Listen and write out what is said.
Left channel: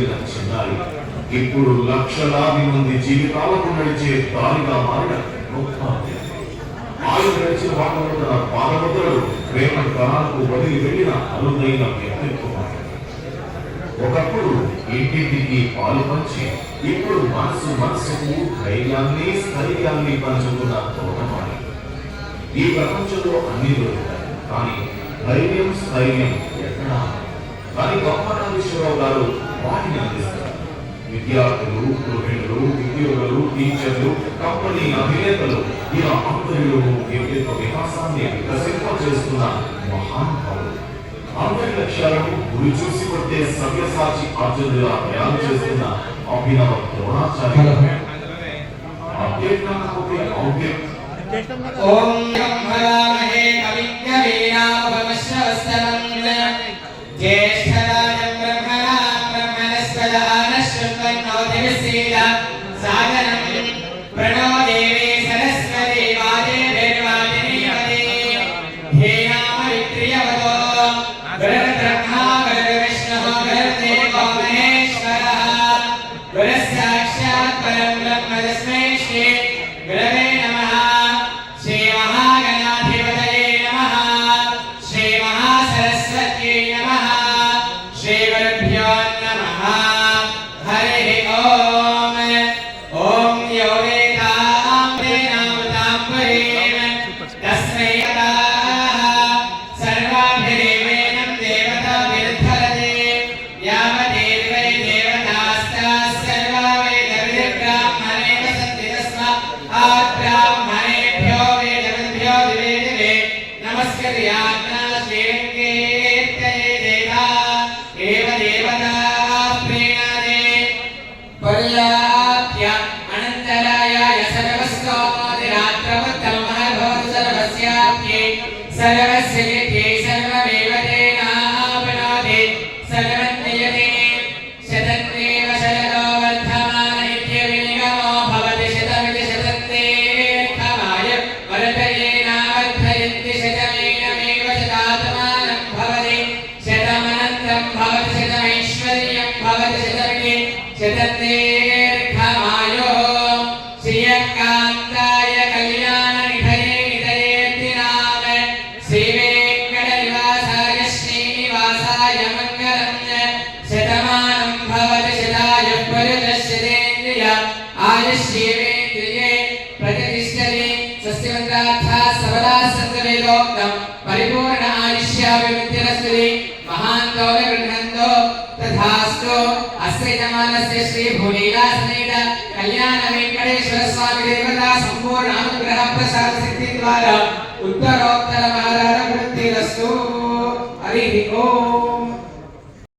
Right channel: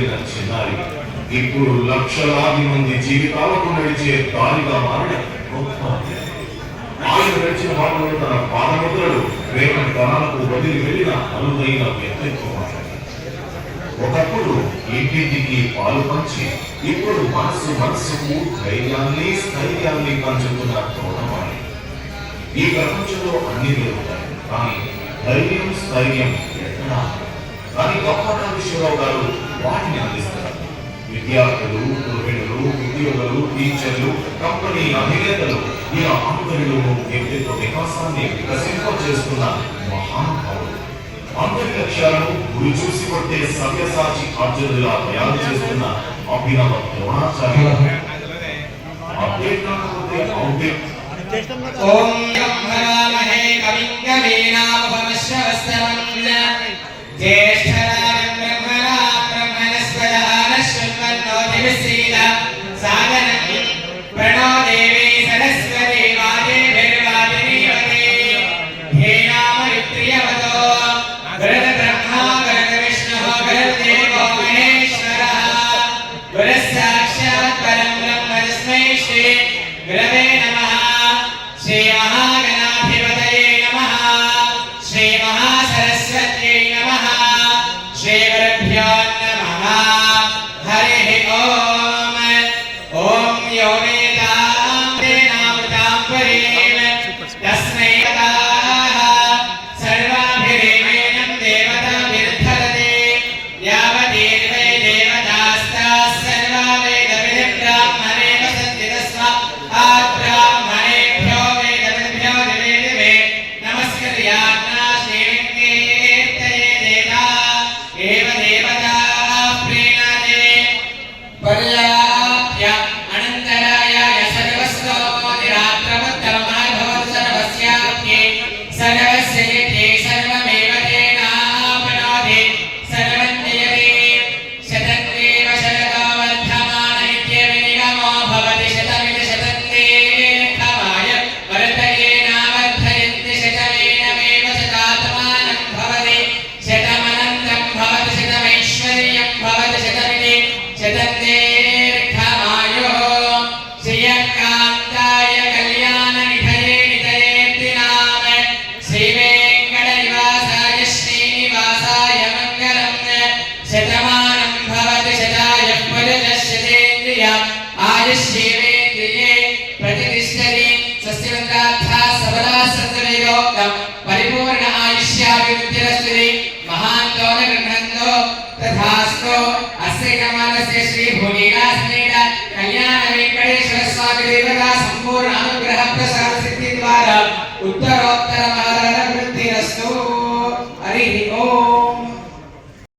వెళ్ళిన చిన్నారి ఇప్పుడు లక్షలాది మంది జీవితాలకు నడిచే దారిగా మారిన గొప్ప ఆయన నడిచిన మార్గంలో తన పాదముద్రలు రేపటి తరాలకు వదిలి వెళ్ళిన అరుదైన వ్యక్తిత్వం. ఒకప్పుడు ఇంటింటికి పాలు పంచి ఇప్పుడు మనసుకు ధైర్యాన్ని స్థైర్యాన్ని పంచుతున్న తోటమాలి. ఈ ప్రపంచంలో అన్ని దొరుకుతాయి, కానీ ధైర్యం స్థైర్యం ఎక్కడా? కానీ గొప్పరావు గారు వాటిని అందిస్తారు. విద్యార్థులు, గృహిణులు, ఉద్యోగులు, టీచర్లు, కంపెనీ అధినేతలు ఇలా అందరిలోనూ వ్యక్తిత్వ వికాసాన్ని వికసింపజేస్తున్న మహానుభావులు. అందరి లక్ష్యాలను గురి చూసి కొట్టే సవ్యసాచి అర్జునులా తయారు చేస్తున్న అభినవ ద్రోణాచార్య. అప్డేట్ కాకపోతే అవుట్డేట్. ఓం బ్రహ్మరామహే కవిం కవీనాముపమశ్రవస్తవం జ్యేష్ఠరాజం బ్రహ్మణా బ్రహ్మణస్పదాన శృణ్వన్నో దివసీల సాగరం ప్రణో దేవి సరస్వతి వాజేభిర్వాజినీవతే ధేనామరిత్రియవతో వరద బ్రహ్మా వరద విష్ణుః వరదేవో మహేశ్వరః వరసాక్షాత్ పరం బ్రహ్మ తస్మై శ్రీ గురవే నమః. శ్రీ మహాగణాధిపతయే నమః. శ్రీ మహాసరస్వత్యై నమః. శ్రీ గురుభ్యో నమః. హరి ఓం. ఓం యో వేదాం తేనామృతాం పరీం తస్మై యథాః సర్వాభిరేవేణం దేవతాభిర్ధరతే యావతే ద్వై దేవతాస్తాః సర్వా వేదవిధి బ్రాహ్మణే వసంతి తస్మాత్ బ్రాహ్మణేభ్యో వేదవిద్భ్యో దివే దివే నమస్కర్యాజ్ఞా శ్రీలింగేత్తయే దేవతా ఏవ దేవతాః ప్రీణాదే పర్యాప్య అనంతరాయ సర్వస్తోమోదిరాత్రముత్తమః సర్వస్యాప్యే సర్వస్య తే సర్వమేవ తేనాప్నోతి సర్వం జయతే శతన్నేవ శరదో వర్ధమాన ఇత్యవినిగమో భవతి శతమితి శతన్నేర్థమాయ వర్ధయేనావర్ధయంతి శతమేనమేవ శతాత్మానం భవతి శతమనంతం భవతి శతమైశ్వర్యం భవతి శతమితి శతన్నేర్థమాయో శ్రియకాంతాయ కళ్యాణ నిధయే నిధయేర్తినామ శ్రీ వెంకట నివాసాయ శ్రీనివాసాయ మంగళం శతమానం భవతి శతాయ పురుషశతేంద్రియ ఆయుష్యేంద్రియే ప్రతిష్టతి సస్యవంతార్థా సబలా సంతవేగోక్తం పరిపూర్ణ ఆయుష్యాభివృద్ధిరస్తు మహాంతో గృహంతో తథాస్తు. అస్య కమలస్య శ్రీ భూలీలాసమేత కళ్యాణ వెంకటేశ్వర స్వామి దేవతా సంపూర్ణ అనుగ్రహ ప్రసాద సిద్ధి ద్వారా ఉత్తరోత్తర మహారాజ వృద్ధిరస్తు. హరి ఓం.